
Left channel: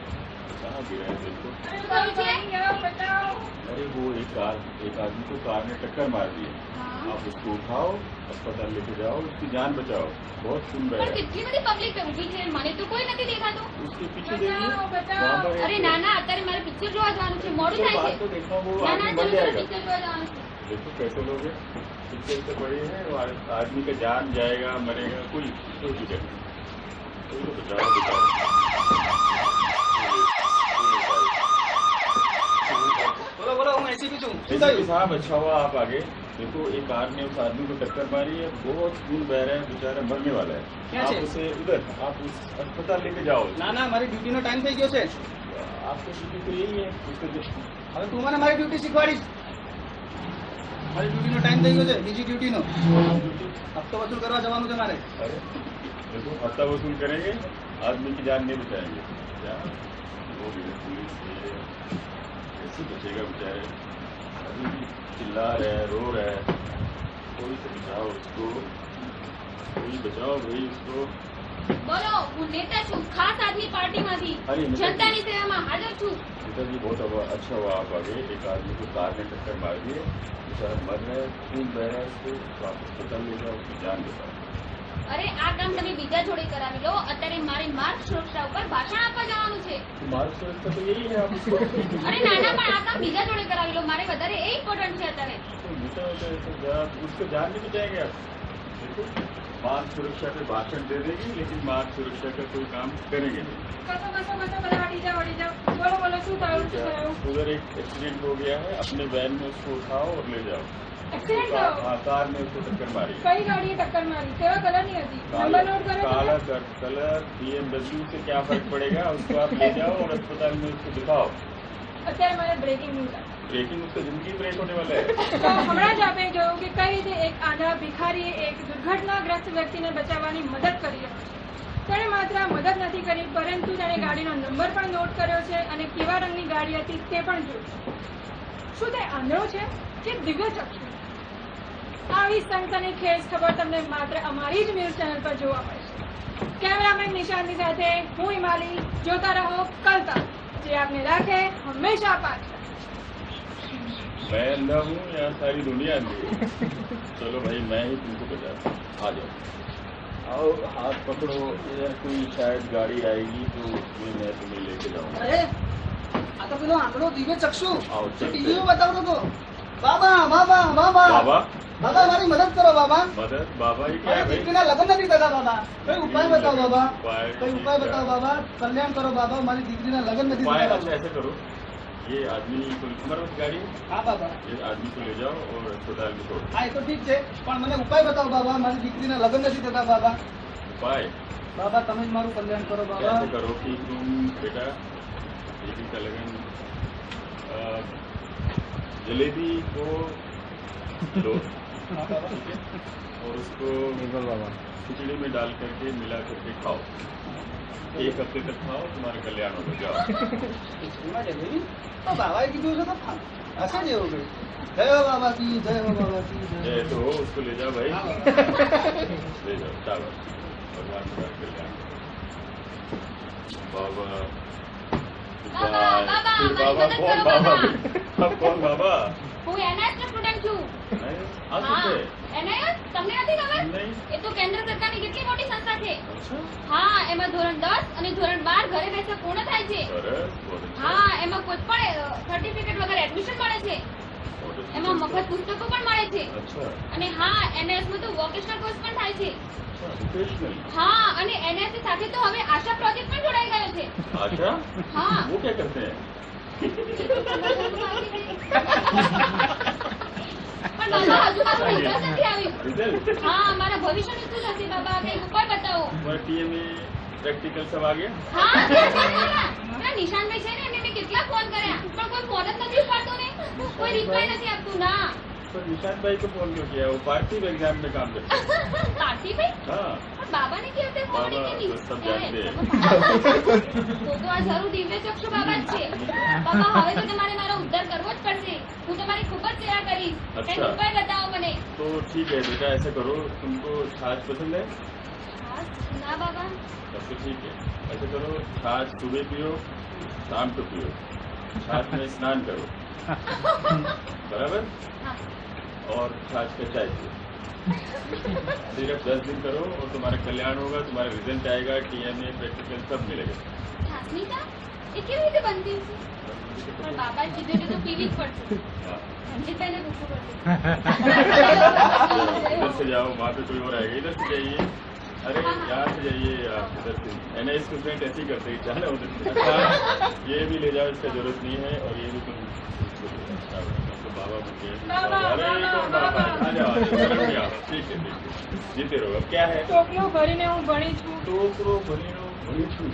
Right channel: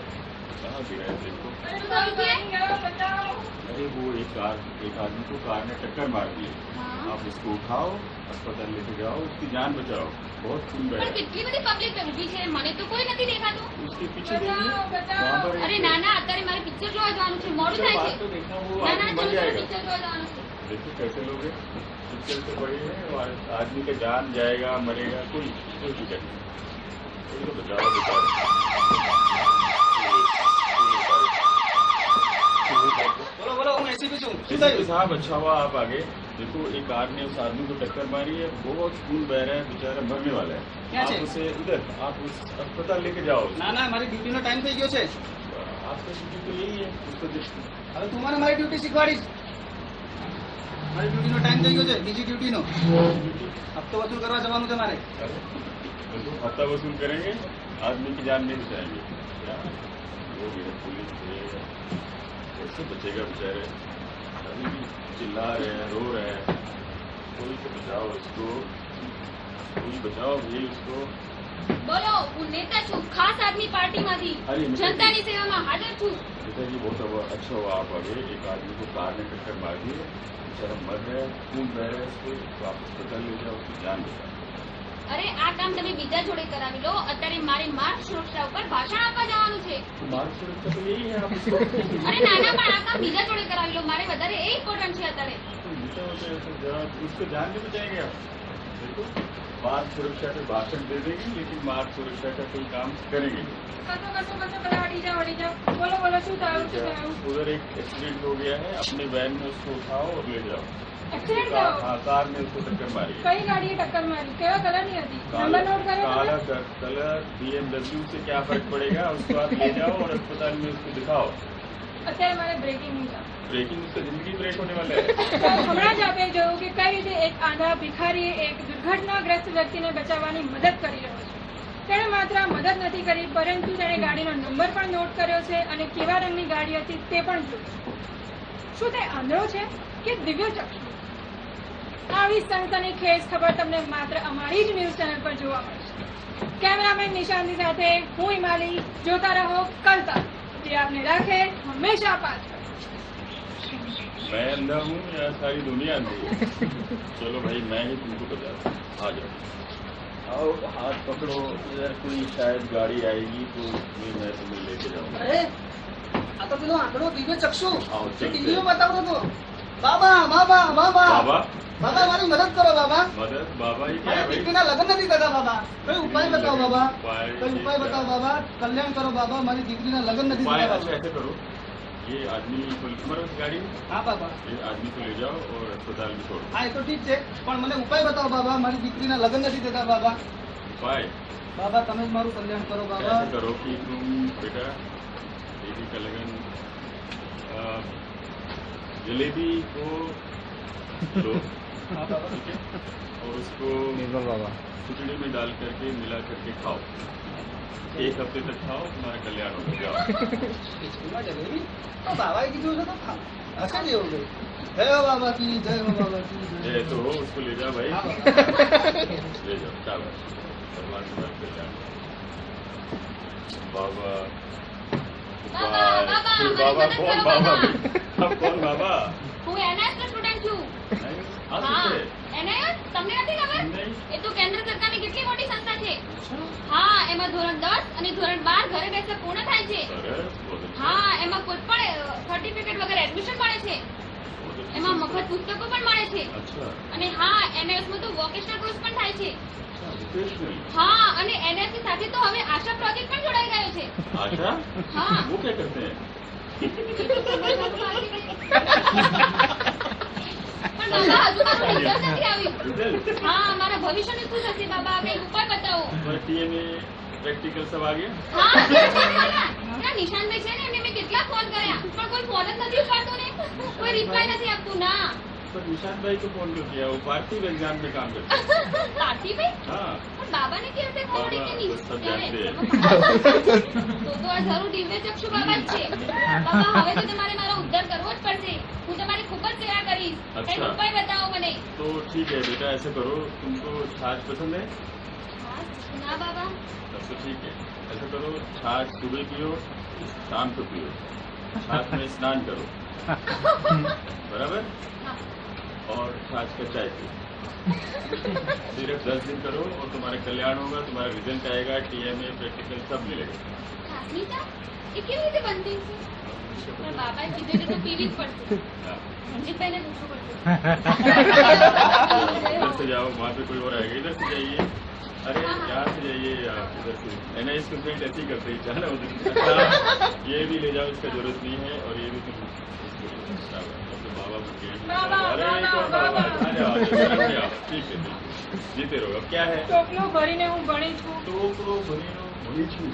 कहाँ गिरा है देखो अरे कोई नहीं गया बचाओ अरे वो एक आदमी को कार ने टक्कर मार दी है हाँ। आप उसको उठाओ अस्पताल लेके जाओ उसकी जान बचाओ बहुत खून बह પણ रहा है કેટલી બધી પબ્લિક ઊભી છે મને તો કોઈ નથી દેખાતું. उसके पीछे देखिए बचाओ, बचाओ। वहाँ पर અરે ના ના અત્યારે મારે પિક્ચર જોવા જવાનું છે મોડું થાય છે. बात तो देखो वो ના ના आदमी मर ચલો जाएगा પિક્ચર જોવા જવાનું છે. देखो कैसे लोग हैं पिक्चर से बड़ी है वो आदमी का जान जाएगा मरेगा कोई फिक्र नहीं कोई तो बचाओ बचाओ બોલો બોલો હું એસીપી છું. શું एसीपी થયું? साहब अच्छा हुआ आप आ गए देखो एक कार ने उस आदमी को टक्कर मारी है बहुत खून बह रहा है बेचारा मरने वाला है क्या आप है? उसे उधर आप उस अस्पताल लेके जाओ ના ના મારી ડ્યુટીનો ટાઈમ થઈ ગયો છે. आपका ड्यूटी तो यही है उसको હવે તું મને મારી ડ્યુટી શીખવાડીશ. મારી ડ્યુટીનો ટાઈમ થઈ ગયો છે બીજી ડ્યુટીનો. ड्यूटी હપ્તો વસૂલ કરવા જવાનું છે મારે. अरे देखो हफ्ता वसूल करेंगे आदमी की जान नहीं बचाएंगे क्या वो भी है, पुलिस है कैसे बचेगा बेचारे अभी भी चिल्ला रहे हैं रो रहे हैं कोई तो बचाओ उसको कोई बचाओ भाई उसको બોલો હું નેતા છું ખાસ આદમી પાર્ટીમાંથી અરે, નથી. જનતાની સેવામાં હાજર છું. नेताजी बहुत अच्छा हुआ आप आ गए एक आदमी को कार ने टक्कर मार दी है बेचारा मर रहा है खून बह रहा है उसको तो आप अस्पताल ले जाओ उसकी जान बचाओ અરે આ કામ તમે બીજા જોડે કરાવી લો અત્યારે મારે માર્ગ સુરક્ષા ઉપર ભાષણ આપવા જવાનું છે. तो मार्ग सुरक्षा तो यही है आप उसको અરે ના ના પણ આ કામ બીજા જોડે કરાવી લો મારે વધારે એ ઇમ્પોર્ટન્ટ છે અત્યારે. तो नेता होते हैं तो जरा उसको जान नहीं बचाएंगे आप देखो मार्ग सुरक्षा पे भाषण दे देंगे लेकिन मार्ग सुरक्षा का कोई काम करेंगे नहीं कसो कसो कसो બધા અડી જાઓ બોલો બોલો શું થયું શું થયું उधर एक एक्सीडेंट हो गया है अपने वैन में उसको उठाओ और ले जाओ એક્સિડન્ટ થયો हाँ कार में उसको टक्कर मारी है કઈ ગાડીએ ટક્કર મારી કેવા કલરની હતી काला નંબર નોટ કર્યો काला તમે? कलर BMW से क्या फर्क पड़ेगा उसको आप ले जाओ और अस्पताल में उसको दिखाओ અત્યારે મારે બ્રેકિંગ ન્યૂઝ ब्रेकिंग उसका जिंदगी ब्रेक होने वाला है તો હમણાં જ આપણે જોયું કે કઈ રીતે એક આંધળા ભિખારીએ એક દુર્ઘટનાગ્રસ્ત વ્યક્તિને બચાવવાની મદદ કરી રહ્યો છે તેણે માત્ર મદદ નથી કરી, પરંતુ તેણે ગાડીનો નંબર પણ નોટ કર્યો છે અને કેવા રંગની ગાડી હતી તે પણ જોયું. શું તે આંધળો છે કે દિવ્યચક્ષુ? આવી સનસનીખેજ ખબર તમને માત્ર અમારી જ ન્યૂઝ ચેનલ પર જોવા મળશે. કેમેરામેન નિશાંતી સાથે હું હિમાલી. જોતા રહો કલતા, જે આપને રાખે હંમેશા પાછળ. मैं अंधा हूँ या सारी दुनिया अंधी है? चलो भाई मैं ही तुमको बचाता हूँ, आ जाओ. आओ हाथ पकड़ो, इधर कोई शायद गाड़ी आएगी तो उसमें मैं तुम्हें लेके जाऊंगा. અરે આ તો પેલો આંકડો દિવ્ય ચક્ષુ આવો, ચકશે. ટીવીમાં બતાવતો હતો. બાબા બાબા બાબા बाबा બાબા મારી મદદ કરો બાબા. मदद बाबा ही क्या મારી है भाई? દીકરીના લગ્ન નથી થતા બાબા. કોઈ ઉપાય બતાવો બાબા. उपाय કોઈ ઉપાય બતાવો બાબા. કલ્યાણ કરો બાબા. મારી દીકરીના લગ્ન નથી उपाय થતા अच्छा બાબા. ऐसे करो, ये आदमी को तुम्हारे पास गाड़ी है? હા બાબા. ये आदमी को ले जाओ और अस्पताल में छोड़ दो. હા એ તો ઠીક છે, પણ મને ઉપાય બતાવો બાબા. મારી દીકરીના લગ્ન નથી થતા બાબા. उपाय બાબા તમે જ મારું કલ્યાણ કરો બાબા. ऐसे करो कि तुम बेटा बेटी का लगन जलेबी को लो, હા બાબા. ठीक है, और उसको बिल्कुल बाबा. खिचड़ी में डाल करके मिला करके खाओ. 1 हफ्ते तक खाओ, तुम्हारा कल्याण होगा. जाओ. ખીચડીમાં જલેબી? તો બાબાએ કીધું છે તો ખાઓ. હશે જ એવું કઈ. જય હો બાબા કી જય, હો બાબા કી જય. जय तो हो, उसको ले जाओ भाई. हाँ, ले जाओ, शाबाश. भगवान तुम्हारा कल्याण करे. बाबा बाबा, बाबा, फिर हमारी बाबा मदद कौन करो, बाबा? बाबा. अब कौन बाबा? હું NIS નો સ્ટુડન્ટ છું. नहीं, आ હા, सकते. NIS તમને નથી ખબર? नहीं. એ તો કેન્દ્ર સરકારની કેટલી મોટી સંસ્થા છે. अच्छा, હા, એમાં ધોરણ 10 અને ધોરણ 12 ઘરે બેસે પૂર્ણ થાય છે. सरस, बहुत अच्छा. હા, એમાં કોઈ પણ સર્ટિફિકેટ વગર એડમિશન મળે છે. बहुत अच्छी એમાં संस्था. મફત પુસ્તકો પણ મળે છે. अच्छा, અને હા, NIS માં તો વોકેશનલ કોર્સ પણ થાય છે. अच्छा, vocational. હા, અને NIS ની સાથે તો હવે આશા પ્રોજેક્ટ પણ જોડાઈ ગયો છે. आशा? हाँ. वो क्या करते हैं? એ તો સમજવાનું બાકી છે. પણ બાબા હજુ મારું રિઝલ્ટ નથી આવ્યું. रिजल्ट? હા, મારા ભવિષ્યનું શું થશે બાબા? કંઈક ઉપાય બતાવો. तुम्हारे टीएमए प्रैक्टिकल सब आ गया? હા, તે છે ને બાબા. પેલા નિશાનભાઈ છે ને, એમને મેં કેટલા ફોન કર્યા, પણ કોઈ ફોન જ નથી ઉપાડતો ને. કોઈ રિપ્લાય નથી આપતું. ના. तो निशांत भाई को फोन क्यों किया? वो पार्थिव एग्जाम में काम करते हैं. પાર્થિભાઈ? हाँ. પણ બાબાને કેવી રીતે ખબર બાબા કે તો નહીં? સબ જાણતે હૈ. તો આ જરૂર દિવ્ય ચક્ષુ બાબા જ છે. બાબા હવે તો તમારે મારો ઉદ્ધાર કરવો જ પડશે. હું તમારી ખૂબ જ સેવા કરીશ. અચ્છા. કંઈક ઉપાય બતાવો મને. तो ठीक है बेटा, ऐसा करो, तुमको छाछ पसंद है? હા, ના બાબા. तब तो ठीक है. ऐसा करो, छाछ सुबह पियो, शाम को पियो. छाछ में स्नान करो, बराबर? હા. और छाछ का चाय पियो. सिर्फ 10 दिन करो और तुम्हारा कल्याण होगा. तुम्हारा रिजल्ट आएगा, टीएमए प्रैक्टिकल सब मिलेगा. છાસની ચા? એ કેવી રીતે બનતી હશે? પણ બાબાએ કીધું કે તો પીવી જ પડશે. हाँ. રણજીતભાઈને પૂછવું પડશે. इधर से जाओ, वहाँ पे कोई और आएगा. इधर से जाइए. अरे यहाँ से जाइए, आप इधर से. NIS स्टूडेंट ऐसे ही करते हैं, जाना उधर से. अच्छा, ये भी ले जाओ, इसका जरूरत नहीं है. और ये भी तुम तो बाबा बन गए. बाबा, अरे बाबा, कौन बाबा? बाबा. आ जाओ, आ जाओ, शर्म नहीं आओ. ठीक है, ठीक है. जीते रहो. अब क्या है? ટોપલું ભરીને હું ભણી છું. टोकरो भरीनो भरी छू.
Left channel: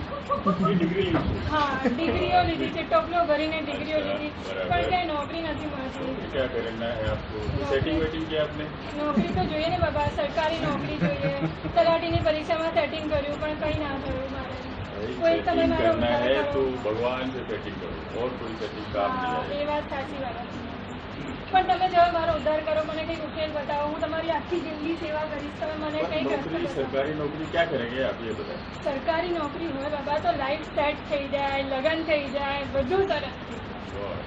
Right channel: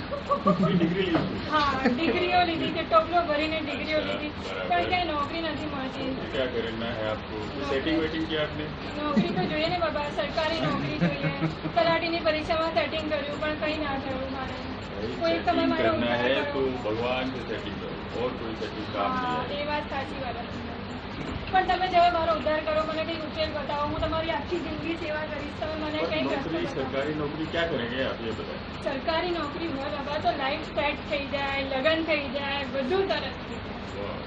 ये डिग्री ली छू. હા, ડિગ્રીઓ લીધી છે. ટોપલો ભરીને ડિગ્રીઓ લીધી, બરાબર. પણ ક્યાંય નોકરી નથી મળતી. तो क्या करना है आपको? सेटिंग वेटिंग किया आपने? નોકરી તો જોઈએ ને બાબા, સરકારી નોકરી જોઈએ. તલાટીની પરીક્ષામાં સેટિંગ કર્યું, પણ કંઈ ના થયું મારે. भाई कोई समय सेटिंग मारो, करना उपाय है करो. तो भगवान से सेटिंग करो, और कोई सेटिंग काम હા, नहीं એ है. વાત સાચી વાત. પણ તમે જો મારો ઉદ્ધાર કરો, મને કંઈક ઉકેલ બતાવો. હું તમારી આખી જિંદગી સેવા કરીશ. તમે મને पर કંઈક રસ્તો नौकरी, બતાવો. सरकारी नौकरी क्या करेंगे आप ये बताएं. સરકારી નોકરી હોય બાબા તો લાઈફ સેટ થઈ જાય, લગ્ન થઈ જાય, બધું સરસ થઈ જાય. वाह.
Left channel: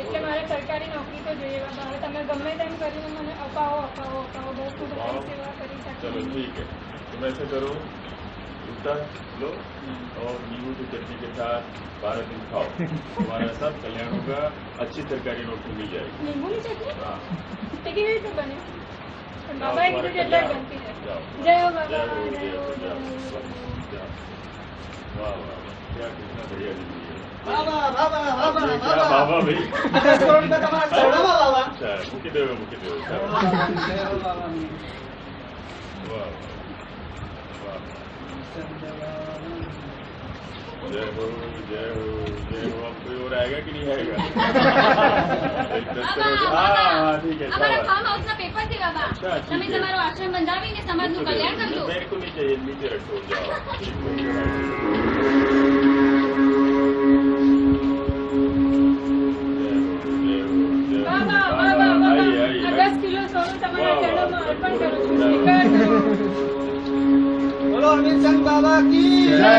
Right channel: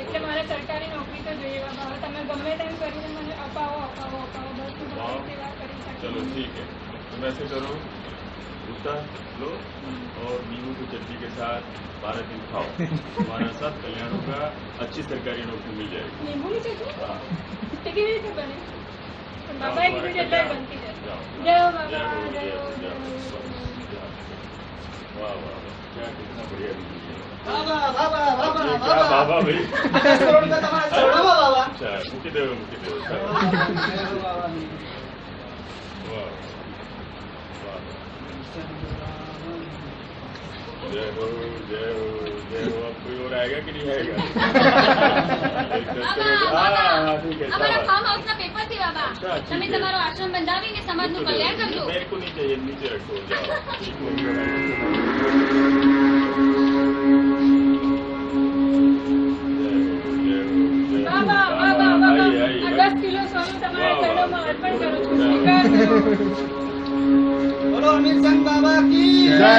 એટલે મારે સરકારી નોકરી તો જોઈએ બાબા. હવે તમે ગમે તેમ કરીને મને અપાવો અપાવો અપાવો, બસ હું તમારી वाह. સેવા કરી चलो શકું. ठीक है, तुम ऐसे करो, जूता लो और नींबू की चटनी के साथ 12 दिन खाओ. तुम्हारा सब कल्याण होगा. अच्छी सरकारी नौकरी मिल जाएगी. લીંબુની ચટણી हाँ. એ કેવી રીતે બને? પણ બાબાએ કીધું છે એટલે જ બનતી જશે. जाओ. જય હો जय બાબા, हो, જય जय હો, हो, જય जय હો. हो. जाओ. वाह वाह वाह, क्या कितना बढ़िया जिंदगी है. બાબા બાબા બાબા ये क्या बाबा भाई? 50 કરોડ રૂપિયા તમારા ચરણોમાં બાબા. अच्छा, मुकी देव જય હો शाबाश. બાબા, જય હો બાબા. वाह वाह वाह. जय हो जय हो जय हो। अब कोई और आएगा कि नहीं आएगा? एक दस्तर हो गया। हाँ ठीक है અમારા शाबाश। ફાર્મ હાઉસના પેપર છે બાબા અચ્છા, ઠીક તમે છે. તમારો આશ્રમ બંધાવીને સમાજનું કલ્યાણ કરજો मेरे को नहीं चाहिए, नीचे रखो जाओ। ठीक है, जय हो जय हो વાહ, जय વાહ, हो। વાહ, વાહ, વાહ, आइए, વાહ. आइए, આ आइए। 10 કિલો સોનું તમારા વાહ, વાહ. ચરણોમાં અર્પણ કરું છું. સ્વીકાર કરો. બોલો અમીરચંદ બાબા કી જય.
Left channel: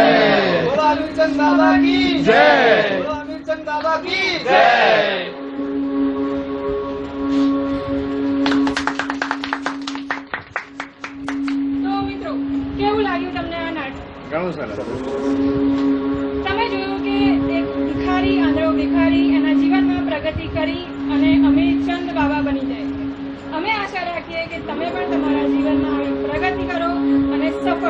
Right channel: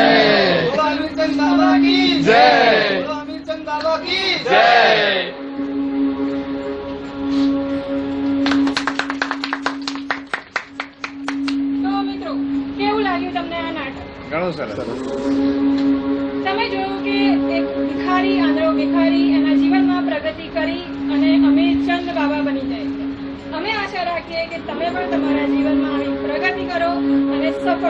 બોલો અમીરચંદ બાબા કી જય. બોલો અમીરચંદ બાબા કી જય. તો મિત્રો કેવું લાગ્યું તમને આ નાટક? ઘણું સરસ. તમે જોયું કે એક ભિખારી આંધળો ભિખારી એના જીવનમાં પ્રગતિ કરી અને અમીરચંદ બાબા બની જાય છે. અમે આશા રાખીએ કે તમે પણ તમારા જીવનમાં આવી પ્રગતિ કરો અને સફળ